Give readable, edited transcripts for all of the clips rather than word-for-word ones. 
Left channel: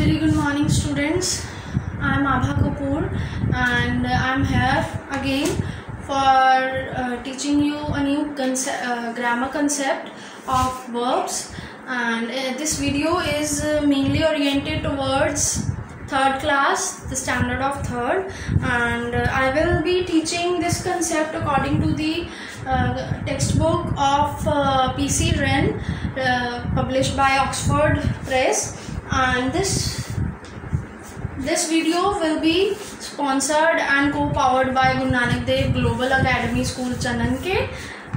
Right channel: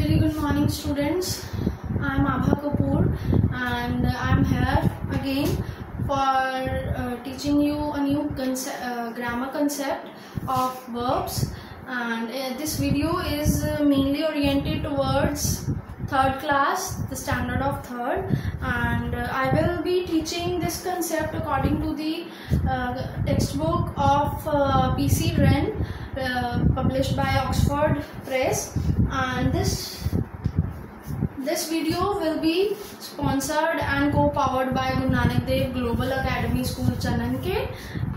Very good morning, students. I am Abha Kapoor and I am here again for teaching you a new grammar concept of verbs, and this video is mainly oriented towards third class, the standard of third, and I will be teaching this concept according to the textbook of P.C. Wren, published by Oxford Press. And this video will be sponsored and co-powered by Guru Nanak Dev Global Academy School Chananke.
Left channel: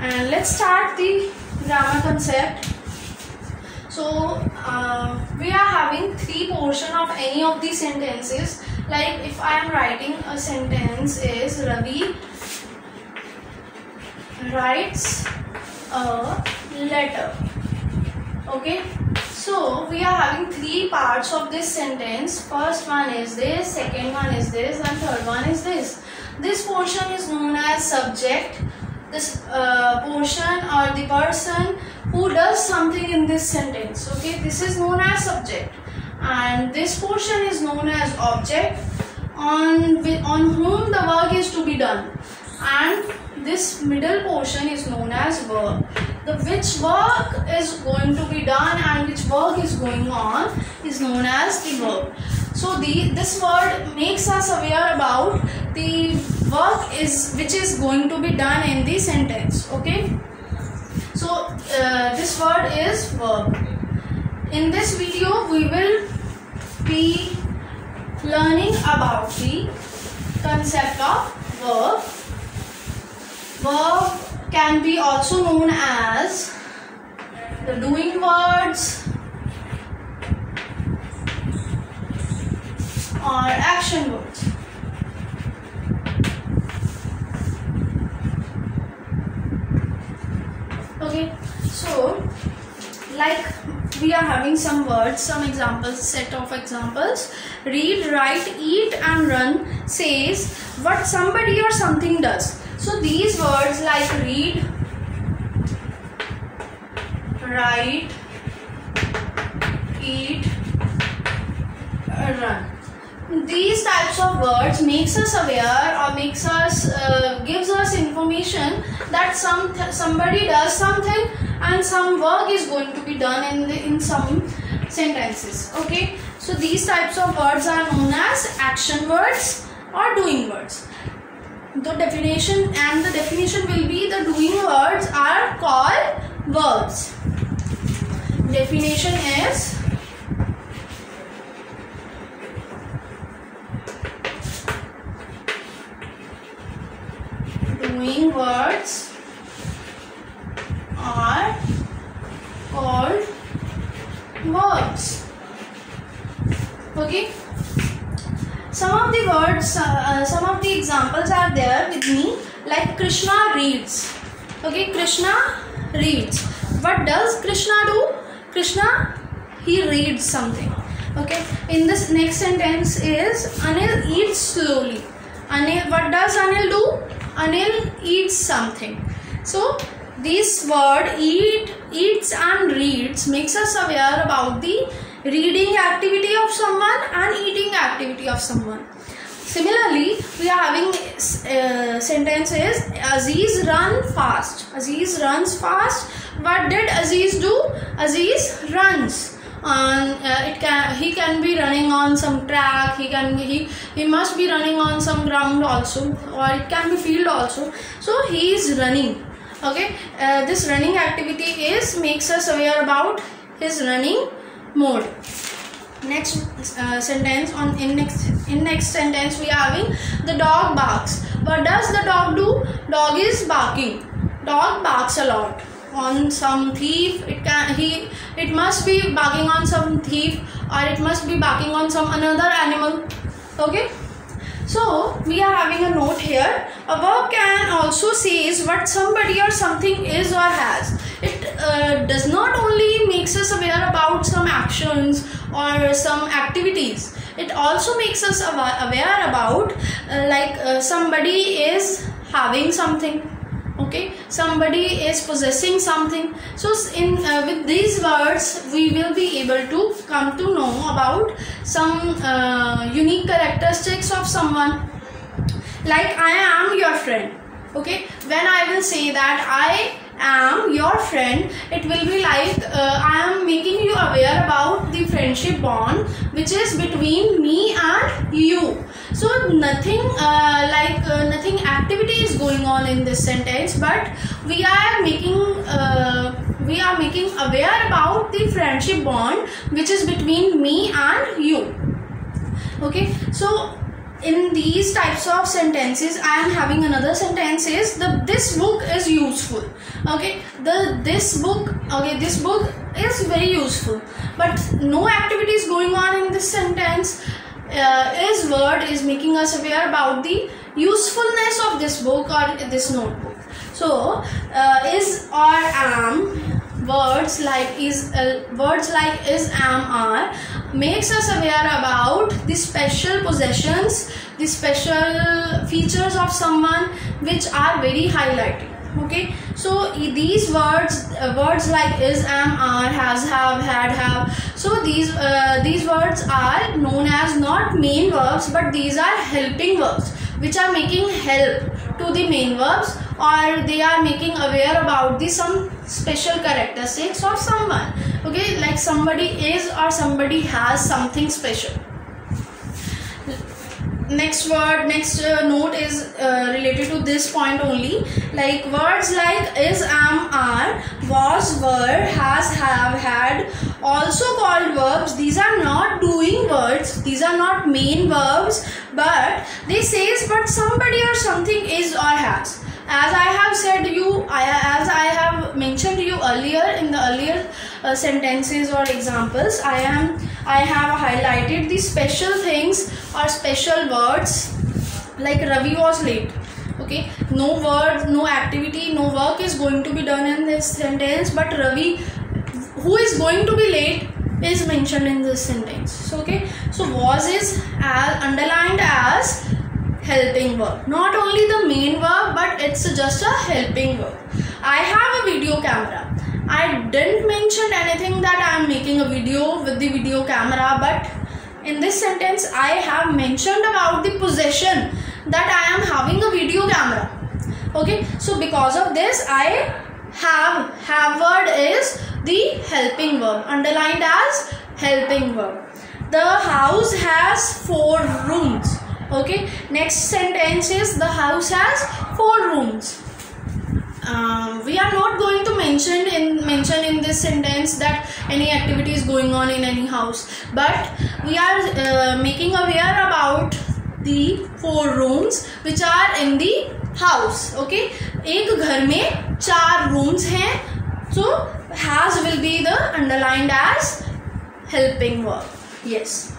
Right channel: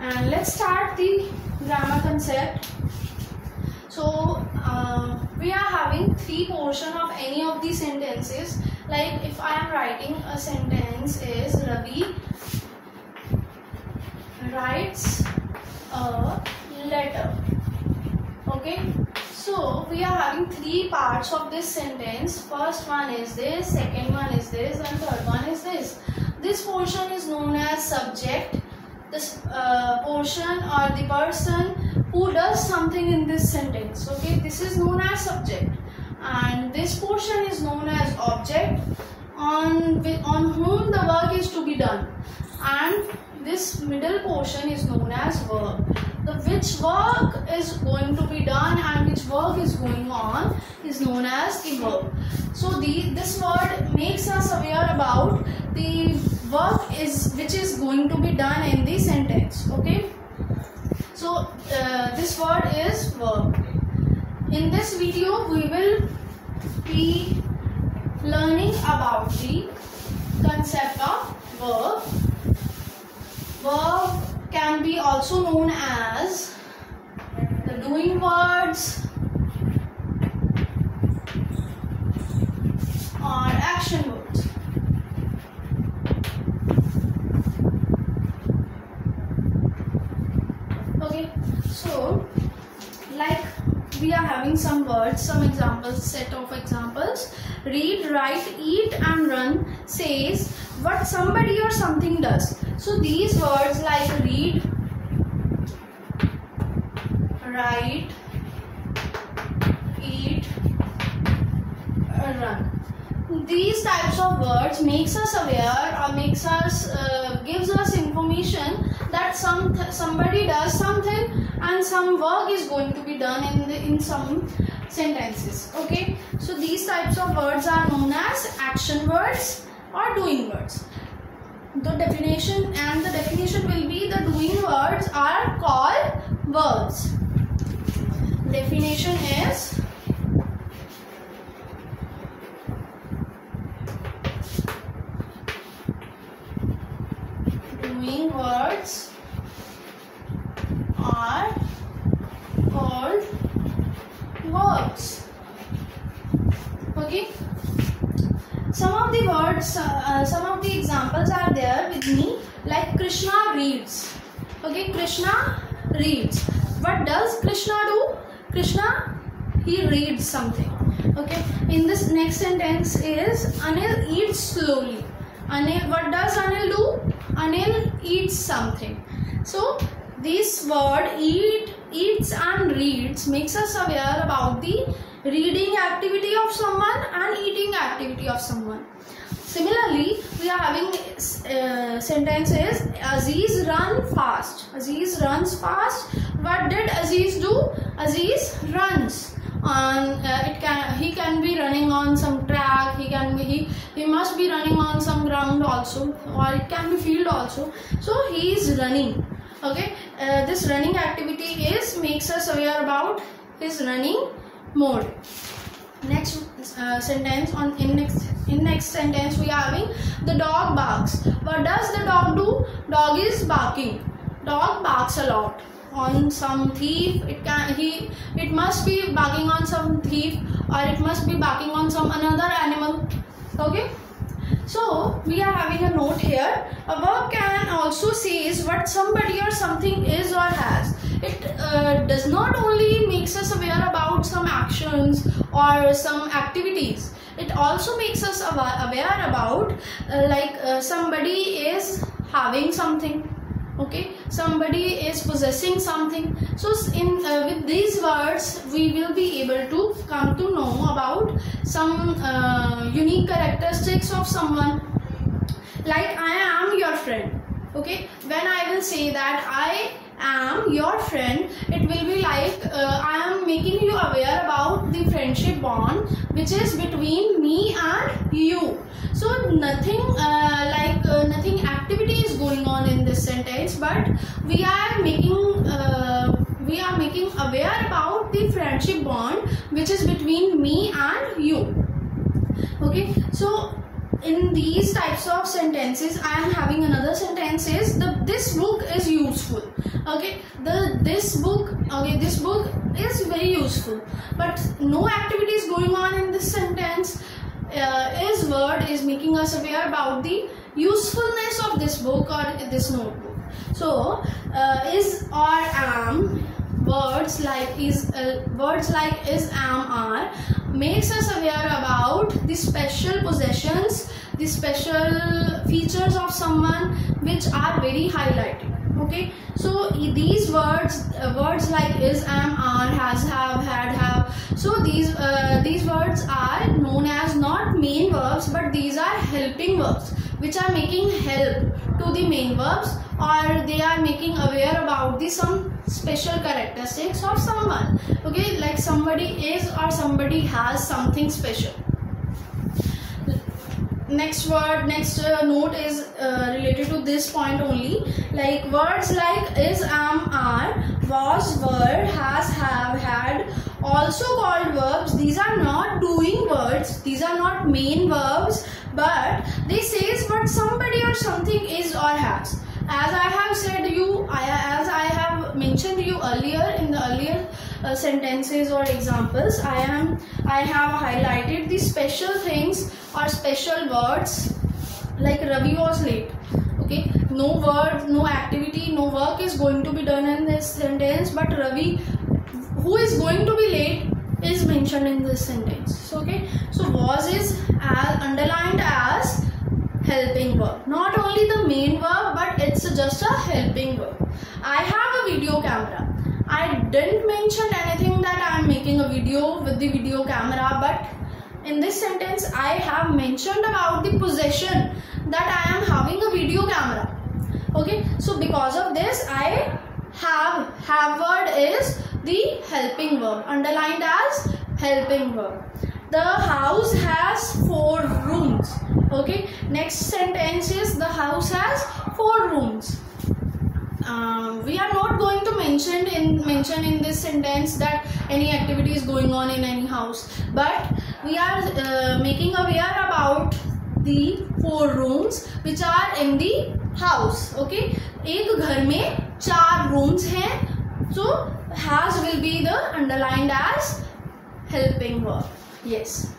And let's start the grammar concept. So we are having three portions of any of these sentences. Like if I am writing a sentence is Ravi writes a letter. Okay, so we are having three parts of this sentence. First one is this, second one is this, and third one is this. This portion is known as subject. This portion or the person who does something in this sentence. Okay, this is known as subject, and this portion is known as object, on whom the work is to be done, and this middle portion is known as verb. The which work is going to be done and which work is going on is known as the verb. So this word makes us aware about the work which is going to be done in the sentence. Okay, so this word is verb. In this video we will be learning about the concept of verb. Verb can be also known as the doing words or action words. Okay, so like we are having some words, some examples, set of examples. Read, write, eat and run says what somebody or something does. So these words like read, write, eat, run, these types of words makes us aware or gives us information that somebody does something and some work is going to be done in some sentences. Okay, so these types of words are known as action words or doing words. The definition will be the doing words are called verbs. Definition is doing words are called verbs. Okay, some of the words, some of the examples are there with me, like Krishna reads. Okay, Krishna reads. What does Krishna do? Krishna, he reads something. Okay, in this next sentence is Anil eats slowly. Anil, what does Anil do? Anil eats something. So this word eats and reads makes us aware about the reading activity of someone and eating activity of someone. Similarly, we are having sentences Aziz run fast. Aziz runs fast. What did Aziz do? Aziz runs. He can be running on some track. He must be running on some ground also, or it can be field also. So he is running. Okay, this running activity makes us aware about his running mode. Next sentence in next sentence we are having the dog barks. What does the dog do? Dog is barking. Dog barks a lot on some thief. It must be barking on some thief, or it must be barking on some another animal. Okay, so we are having a note here. A verb can also say what somebody or something is or has. It does not only makes us aware about some actions or some activities. It also makes us aware about somebody is having something. Okay, somebody is possessing something. So in with these words we will be able to come to know about some unique characteristics of someone. Like I am your friend. Okay, when I will say that I am your friend, it will be like I am making you aware about the friendship bond which is between me and you. So nothing nothing activity is going on in this sentence, but we are making aware about the friendship bond which is between me and you. Okay, so in these types of sentences I am having another sentence is this book is useful. Okay, this book is very useful, but no activity is going on in this sentence. Is word is making us aware about the usefulness of this book or this notebook. So is or am, words like is, am, are makes us aware about the special possessions, the special features of someone which are very highlighted. Okay, so these words like is, am, are, has, have, had, have, so these words are known as not main verbs, but these are helping verbs which are making help to the main verbs, or they are making aware about the some special characteristics of someone. Okay, like somebody is or somebody has something special. Next note is related to this point only. Like words like is, am, are, was, were, has, have, had, also called verbs. These are not doing words, these are not main verbs, but they says but somebody or something is or has. As I have said you, as I have mentioned you earlier in the earlier sentences or examples, I have highlighted the special things or special words. Like Ravi was late. Okay, no word, no activity, no work is going to be done in this sentence, but Ravi, who is going to be late, is mentioned in this sentence. So, okay, so was is underlined as helping verb, not only the main verb, but it's just a helping verb. I have a video camera. I didn't mention anything that I am making a video with the video camera, but in this sentence I have mentioned about the possession that I am having a video camera. Okay, so because of this I have word is the helping verb, underlined as helping verb. The house has 4 rooms. Okay, next sentence is the house has 4 rooms. We are not going to mention in this sentence that any activity is going on in any house, but we are making aware about the 4 rooms which are in the house. Okay, एक घर में 4 rooms हैं, so has will be the underlined as helping verb. Yes.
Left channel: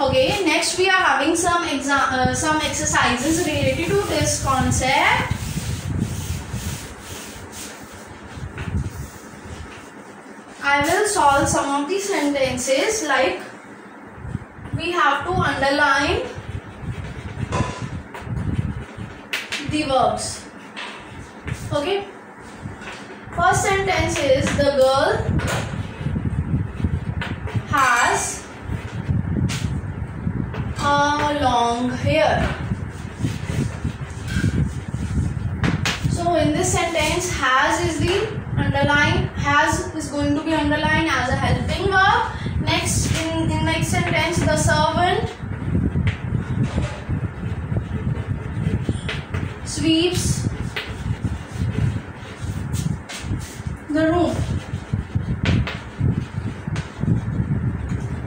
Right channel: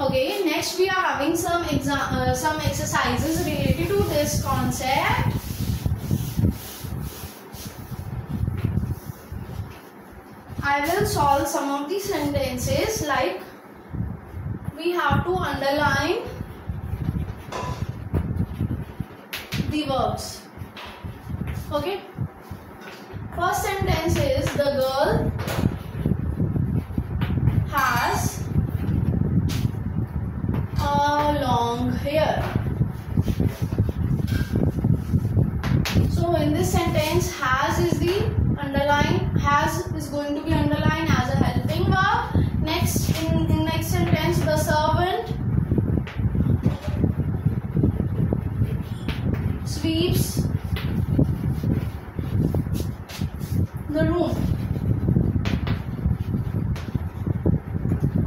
Okay, next we are having some exercises related to this concept. I will solve some of the sentences. Like we have to underline the verbs. Okay, first sentence is the girl has a long hair. So in this sentence has is the underline, has is going to be underlined as a helping verb. Next, in next sentence, the servant sweeps the room.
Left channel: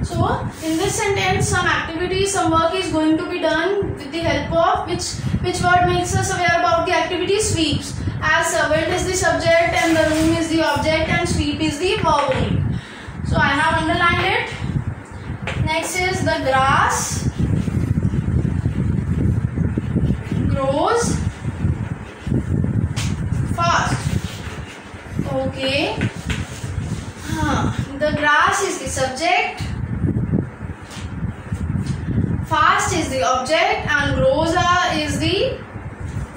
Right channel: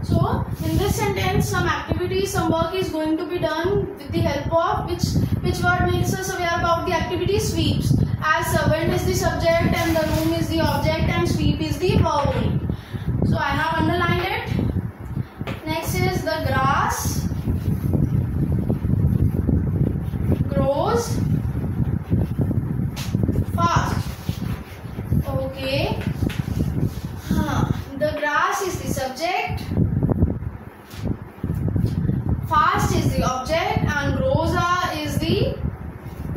So in this sentence some activity, some work is going to be done with the help of which word makes us aware about the activity? Sweeps. As servant is the subject and the room is the object and sweep is the verb only. So I have underlined it. Next is the grass grows fast. Okay. The grass is the subject, fast is the object, and grows is the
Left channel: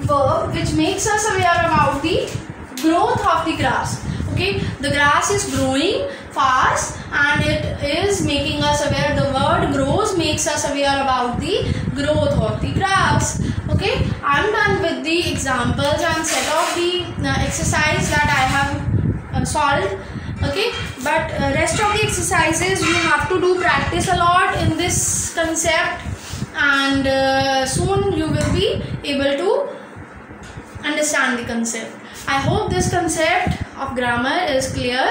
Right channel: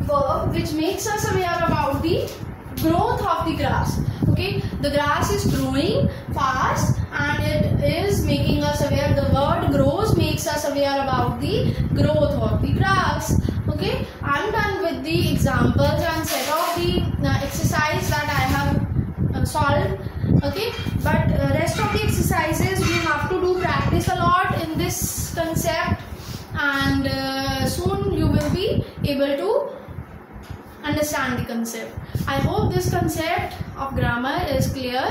verb which makes us aware about the growth of the grass. Okay, the grass is growing fast and it is making us aware. The word grows makes us aware about the growth of the grass. Okay, I'm done with the examples and set of the exercise that I have solved. Okay, but rest of the exercises we have to do practice a lot in this concept, and soon you will be able to understand the concept. I hope this concept of grammar is clear,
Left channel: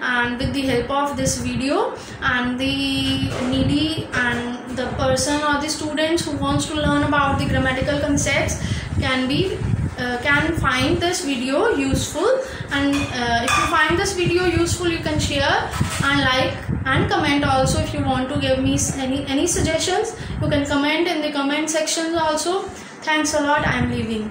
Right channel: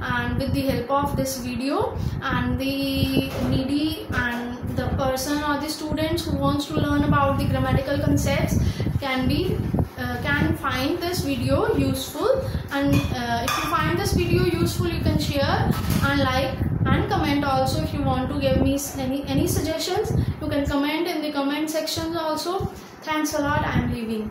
and with the help of this video, and the needy and the person or the students who wants to learn about the grammatical concepts can find this video useful. And if you find this video useful, you can share and like and comment also. If you want to give me any suggestions, you can comment in the comment section also. Thanks a lot. I am leaving.